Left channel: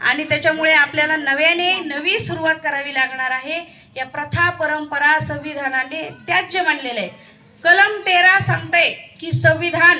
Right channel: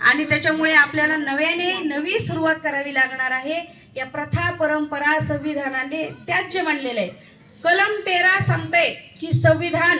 आणि त्याच्यामुळे आपल्याला नव्याने नवी सुरुवात करावी लागणार आहे. या प्रथा परंपरा संविधानाने त्याज्य मानलेलं आहे. कलम तेरा सांगते की संविधान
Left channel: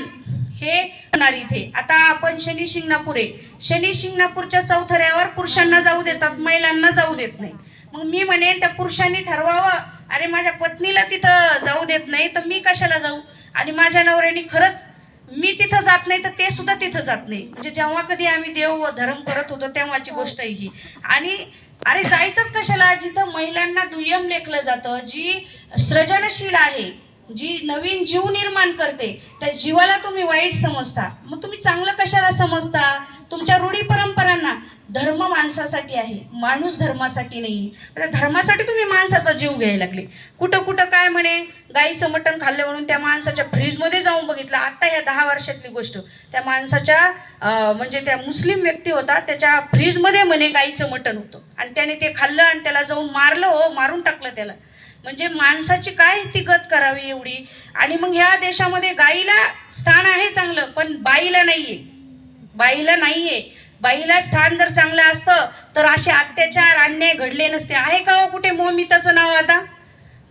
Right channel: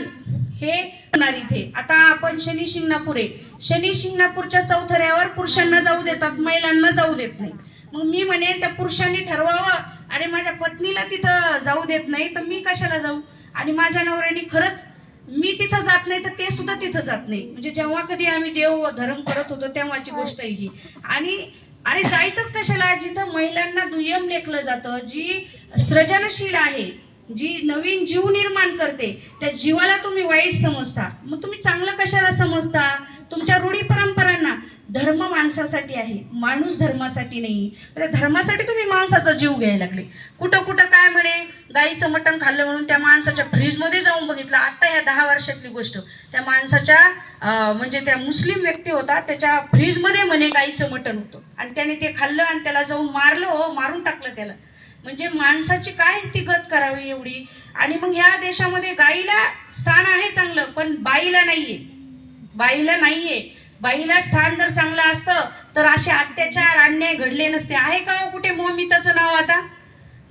हे होणार इथे. आता आपण शनी शिंगणापूर आहे. शनी शिंगणापूरच्या चौथऱ्यावर पुरुषांना जाऊ देतात महिलांना जाऊ देत नाही. मग मी म्हणेन त्या पुरुषांनी ठरवावं. अरे माझ्या पत्नीला तिथं जाऊ देत नाही तर मी कशाला जाऊ? आणि माझ्या नवऱ्याने खरंच मी तिथं जात नाही तर ते सुद्धा तिथं जात नाही. म्हणजे जेव्हा कधी आम्ही देव व धर्म करत होतो तेव्हाची गोष्ट आहे ही. आणि अरे जायचंच कशाला जिथं महिलांना दुय्यम लेखलं जातं जी सृजनशील आहे जी नवीन जीव निर्माण करते त्या जीवाला तुम्ही वाईट समजता. मग तुम्ही चांगलं कशाला समजता? तुमच्या रूढी परंपरांना. धर्म माणसासाठी आहे माणूस धर्मासाठी नाही. त्या धर्मासाठी तुम्ही माणसाचा जीव घ्यायला लागले. कुठं कुठं काय म्हणे गाईचं मटण खाल्लं म्हणून त्या माणसाच्या फ्रीजमध्ये जाऊन बघितलं. आता ह्या दहा वर्षातली गोष्ट. त्या माणसाच्या म्हणजे त्या मुस्लिम व्यक्ती होता त्याच्या फ्रीजमध्ये म्हणे गाईचं मटण होतं. आणि त्याने ते खाल्लं आणि त्याला जाऊन मारलं हो मारून टाकलं त्याला. म्हणजे माणसाची काय ती गत करावी एवढी? आणि मग ह्या देशामध्ये गाईला स्थान आहे चांगलं पण बाईला नाहीये. बाईला नाहीये. बाईला स्थान जर चांगलं असतं तर असे अत्याचार अन्याय घडले नसते. आहे का हो कुठे मोमिताचं नाव आता?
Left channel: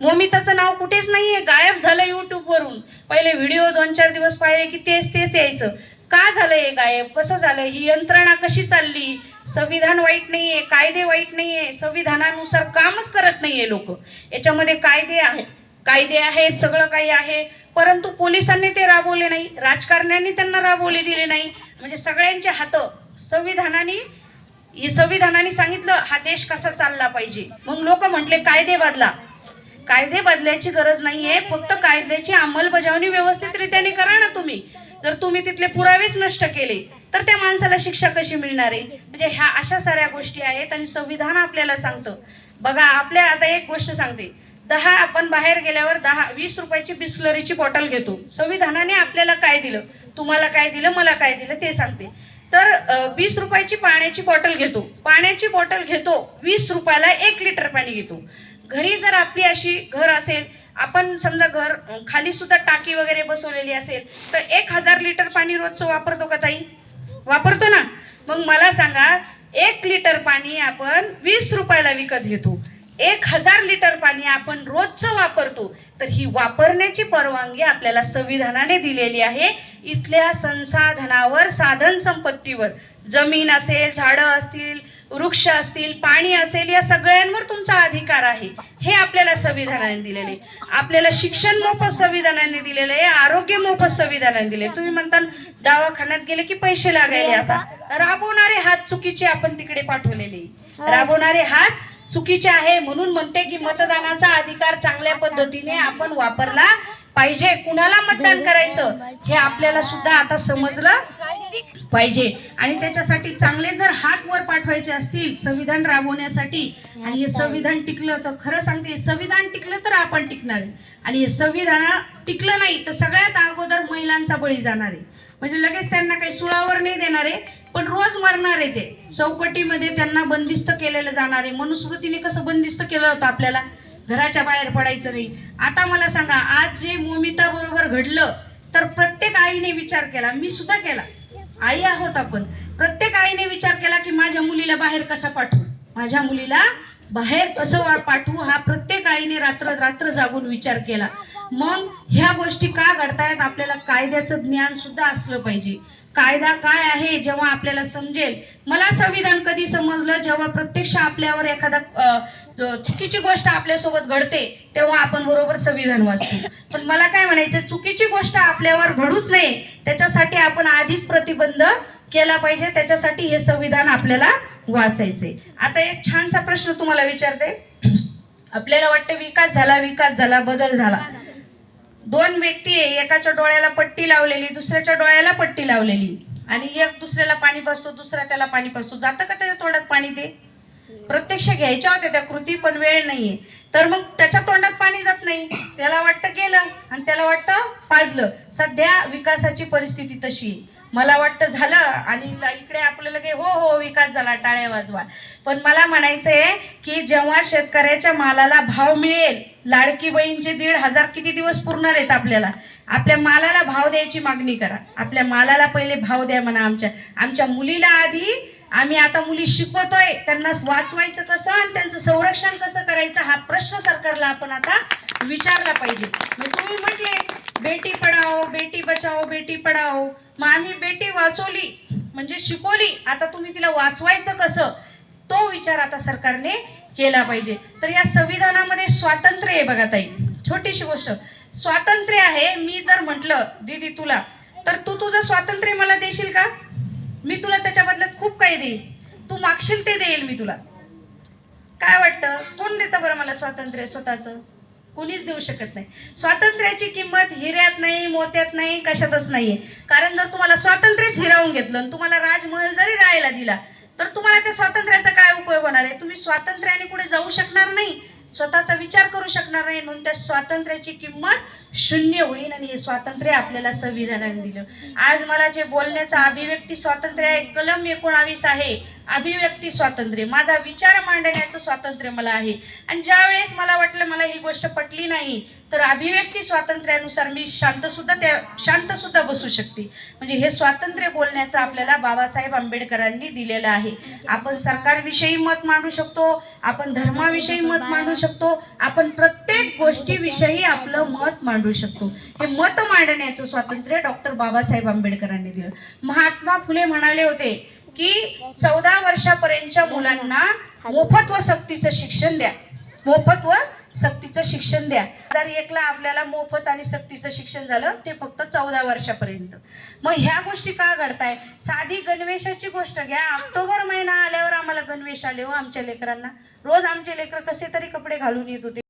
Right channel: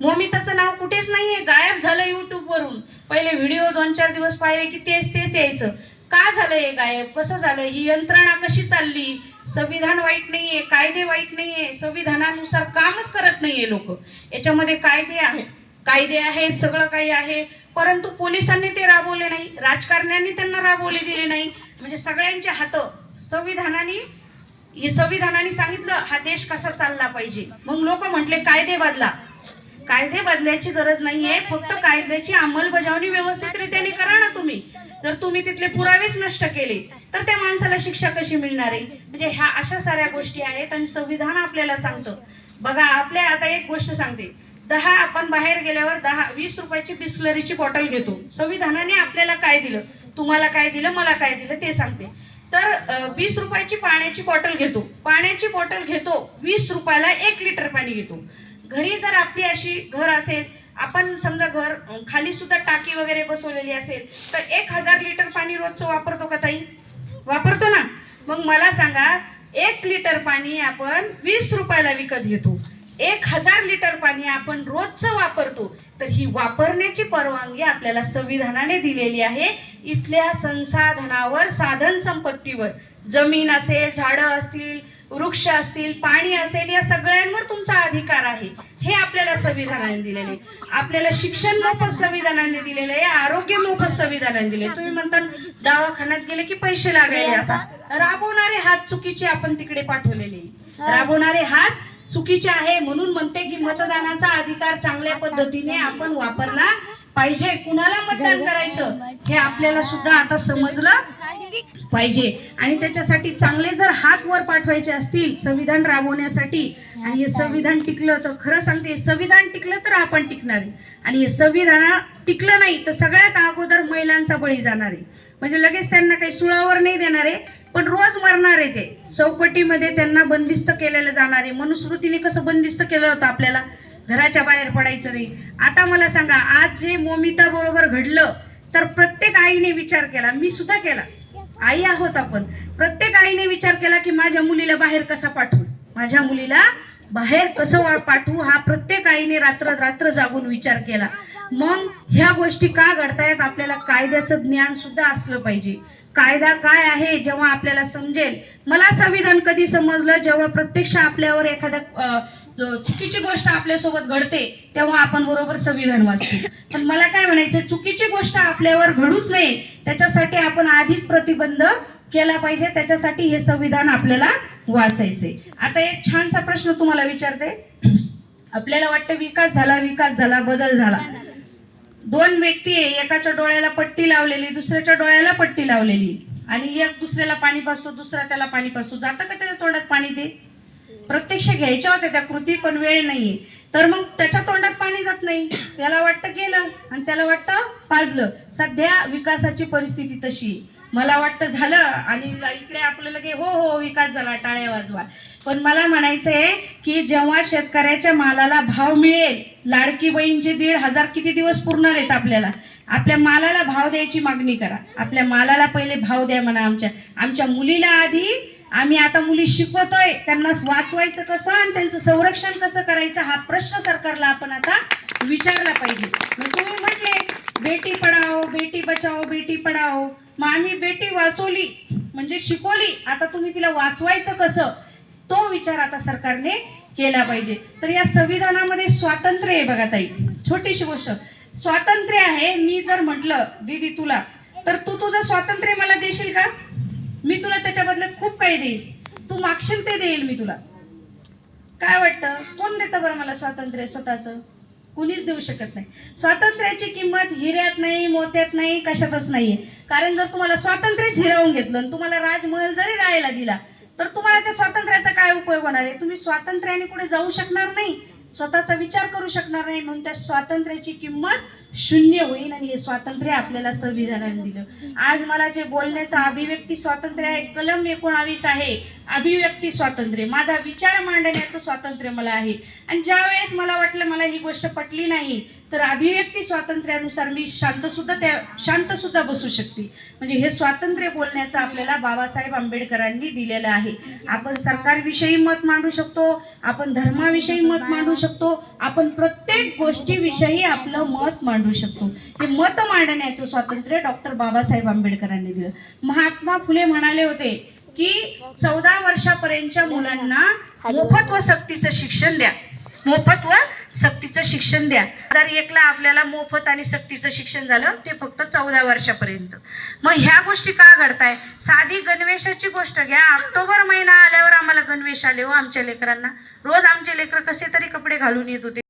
मोमिताचं नाव कुठेच नाहीये. गायब झालं युट्यूबवरून पहिले व्हिडिओ दोन चार दिवस पाहिले की तेच तेच यायचं. का झालं हे गायब? कसं झालं? ही यंत्रणा कशी चालली? संविधान वाईट नाहीये कायदे वाईट नाहीये संविधानानुसार कामच करत नाहीये लोक. याच्यामध्ये कायदे आहेत. कायदे आहेत सगळं काही आहे. परंतु पोलिसांनी ते राबवले नाही. राजकारण्यांनी त्यांना राबवले दिले नाही. म्हणजे सगळ्यांचे हात संविधानाने हे संविधानाने सांगितलं हा देश कसा चालला पाहिजे. मग लोक म्हटले कायदे बदला. कायदे बदलायची गरज नाहीये. फक्त कायद्याची अंमलबजावणी व्यवस्थितरित्याने करा ना तुम्ही. जर तुम्ही तिथले पुरावेच नष्ट केले तर त्या माणसाला शिक्षा कशी मिळणार आहे? म्हणजे ह्या अशा साऱ्या गोष्टी आहेत आणि संविधान आपल्याला सांगतं. बघा आपल्या आता एक गोष्ट सांगते. दहा आपण बाहेर गेल्यावर दहा वीस रुपयाची बिस्लरीची बॉटल घेतो. संविधानाने आपल्याला काय दिलं? तुम्हाला काय दिलं? मला काय दिलं? ते सांगते. तर वीस रुपयाची पाण्याची बॉटल घेतो. पाण्याची बॉटल घेतो वीस रुपयाला एक लिटर पाणी घेतो. घरी जर आपली अशी घर असेल आपण समजा घर खाली सुद्धा टाकी वगैरे बसवलेली असेल तर एक हजार लिटर पाणी रोजचं वापरतो का ताई? वापरतो ना. मग मला सांगा एक लिटर पाणी आपण वीस रुपयाला विकत घेतो. एक हजार लिटर पाणी आपण रोजचं वापरतो. तर ही वापरण्याची परवानगी आपल्याला संविधानाने दिलेली आहे. इथल्या संसाधनावर साधन संपत्तीवर. जमीन असेल झाडं असतील वृक्ष असतील पाणी असेल या सगळ्यांवर तुमचा अधिकार आहे. हे आपल्याला संविधानाने दिलेले. आपल्याला शिक्षण मोफत संविधानाने दिलेलं आहे आरोग्य मोफत संविधानाने दिले तुम्ही म्हणता दवाखान्यात गेले की पैसे लागायले आता. राबवणारे हात चुकीचे आपण तिकडे पाठवलेले. राबवणारे हात चुकीचे आहे म्हणून म्हणते की मतदानाचा अधिकार चांगल्या पद्धतीने आपण वापरला पाहिजे. कुणाला मतदान करायचं? हे आपल्याला सुद्धा आता समजलं. पाहिजे. आणि त्याच्यासाठी चांगले जर हात वर पाठवायचे असतील संविधान राबवण्यासाठी आणि हे संविधान टिकलं तर खरं सांगते संविधान टिकलं तर आपण टिकणार आहे. आणि हे संविधान टिकलं नाही तर सगळ्यात अगोदर महिलांचा बळी जाणार आहे. म्हणजे लगेच त्यांना काही सुळावर नाही देणार आहे पण रोज मरणार आहे ते. चौकटीमध्ये त्यांना बंदिस्त केलेलं जाणार आहे. मनुस्मृतीने कसं बंदिस्त केलं होतं आपल्याला? घराच्या बाहेर पडायचं नाही. आता मला सांगा आज जे मोमिता बरोबर घडलं तर प्रत्येक आईने विचार केला मी सुद्धा केला. आई आहोत आपण. प्रत्येक आईने विचार केला की माझ्या मुलीला बाहेर कसा पाठवू? माझ्या मुलीला बाहेर कसं पाठवू? हा प्रत्येक आईने रात्र रात्र जागून विचार केला. मग ह्या गोष्टी का घडतायत? आपल्याला कायद्याचं ज्ञान सुद्धा असलं पाहिजे. कायदा काय आहे जेव्हा आपल्याला समजेल. मला संविधान कधी समजलं जेव्हा प्रत्यक्ष आपल्यावर एखादा चुकीची गोष्ट आपल्यासोबत घडते तेव्हा आपण बरोबर संविधान वाचतो. पण मला काय म्हणायचं चुकीची गोष्ट आपल्यावर घडूच नये त्याच्यासाठी आपण आधीच प्रतिबंध केला पाहिजे त्याच्यासाठी हे संविधान आपल्याला वाचायचंय. आता एक छानसा प्रश्न तुम्हाला विचारते. आपल्याला वाटतं विकास झाला विकास झाला बदल झाला. दोन व्यक्ती आहे एकाच्या डोळ्याला पट्टी लावलेली दुसऱ्याच्या डोळ्याला पट्टी लावलेली. आणि एक दुसऱ्याला पाणी पाजतो दुसरा त्याला पाणी पाजतो जातं का त्याच्या तोंडात पाणी ते? प्रत्यक्ष घ्यायच्या होत्या त्या कृती पण वेळ नाहीये. तर मग त्याच्या तोंडात पाणी जात नाही. त्याला वाटतं गेलं आणि त्याला वाटतं पाजलं. सध्या विकासाची परिस्थिती तशी आहे. मला वाटतं झालं. आणि इकडे आपल्याला काही हो हो विकास झाला टाळ्या वाजवा. पण मला म्हणायचंय की जेव्हा शेतकऱ्याच्या मालाला भाव मिळेल लाडकी बहीणचे दीड हजार किती दिवस पुरणार आहेत आपल्याला? आपल्या मालाला भाव द्यायची मागणी करा. आपल्या मालाला पहिले भाव द्या म्हणा आमच्या. आमच्या मुलीला आधी आम्ही आता मुली शिकवतोय. त्यांना वाचवायचं कसं आणि त्यांचं संरक्षण कसं करायचं हा प्रश्न सरकारला आपण आता विचारला पाहिजे. तुम्ही म्हटले बेटी पढाओ बेटी बचाओ बेटी पडाओ मग आम्ही बेटी वाचवली म्हणजे शिकवली. आता तुम्ही तिला वाचवायचं कसं? तो विचार आता सरकारने केला पाहिजे. तर या संविधानामध्ये स्वातंत्र्य आहे बघा ताई. छोटीशी गोष्ट. स्वातंत्र्य आहे मी जर म्हटलं दीदी तुला. तर तू तुझं स्वातंत्र्य मला देशील का? मी तुला त्याच्या बदल्यात खूप काही देईल तू मागशील ते देईल मी तुला. काय वाटतं? कोण देतं बरं मला स्वातंत्र्य स्वतःचं? कुणीच देऊ शकत नाही. स्वातंत्र्याची किंमत हिऱ्यात नाही मोत्यात नाही कशातच नाही आहे कारण जर तुम्हाला स्वातंत्र्यच हिरावून घेतलं आणि तुम्हाला राजमहल जरी राहायला दिला तर तुम्हाला त्या स्वातंत्र्याचा काय उपयोग होणार आहे? तुम्ही स्वातंत्र्याने कुठे जाऊ शकणार नाही स्वतःचा विचार करू शकणार नाही म्हणून त्या स्वातंत्र्याची किंमत शून्य होईल आणि हे स्वातंत्र्य आपल्याला संविधानाने दिलं. आज मला जे बोलण्याचं अभिव्यक्ती स्वातंत्र्य आहे कलम एकोणावीस आहे अभिव्यक्ती स्वातंत्र्य. माझा विचार मांडण्याचं स्वातंत्र्य मला आहे. आणि ज्या वेळेस मला वाटलं मला ही गोष्ट पटली नाही तर अभिव्यक्ती स्वातंत्र्यानुसार मी शांत सुद्धा त्या शांत सुद्धा बसू शकते. म्हणजे हे स्वातंत्र्य बोलण्याचं आपल्याला बाबासाहेब आंबेडकरांनी दिलेलं आहे. आपण सरकारविषयी मत मांडू शकतो आपण धर्माविषयी मत मांडू शकतो आपण प्रत्येक गोष्टीविषयी आपलं मत मांडू शकतो. हे मत मांडण्याचं स्वातंत्र्य डॉक्टर बाबासाहेब आंबेडकरांनी दिलं. महात्मा फुले म्हणाले होते की चौदा वर्षापर्यंतच्या मुलांना मोफत व सक्तीचं शिक्षण द्या. मोफत व सक्तीचं शिक्षण द्या. जर एकला आपल्याला मोफत आणि सक्तीचं शिक्षण झालं ते फक्त चौदा वर्षापर्यंत. मग ह्या गोष्टी का घडताय? साधी गणवेशाची गोष्ट घ्या. ऑक्टोबर महिना आल्यावर आम्हाला गणवेश आले हो आमच्या लेकरांना. रोज आमचे लेकर कसे तरी कपडे घालून येत होते.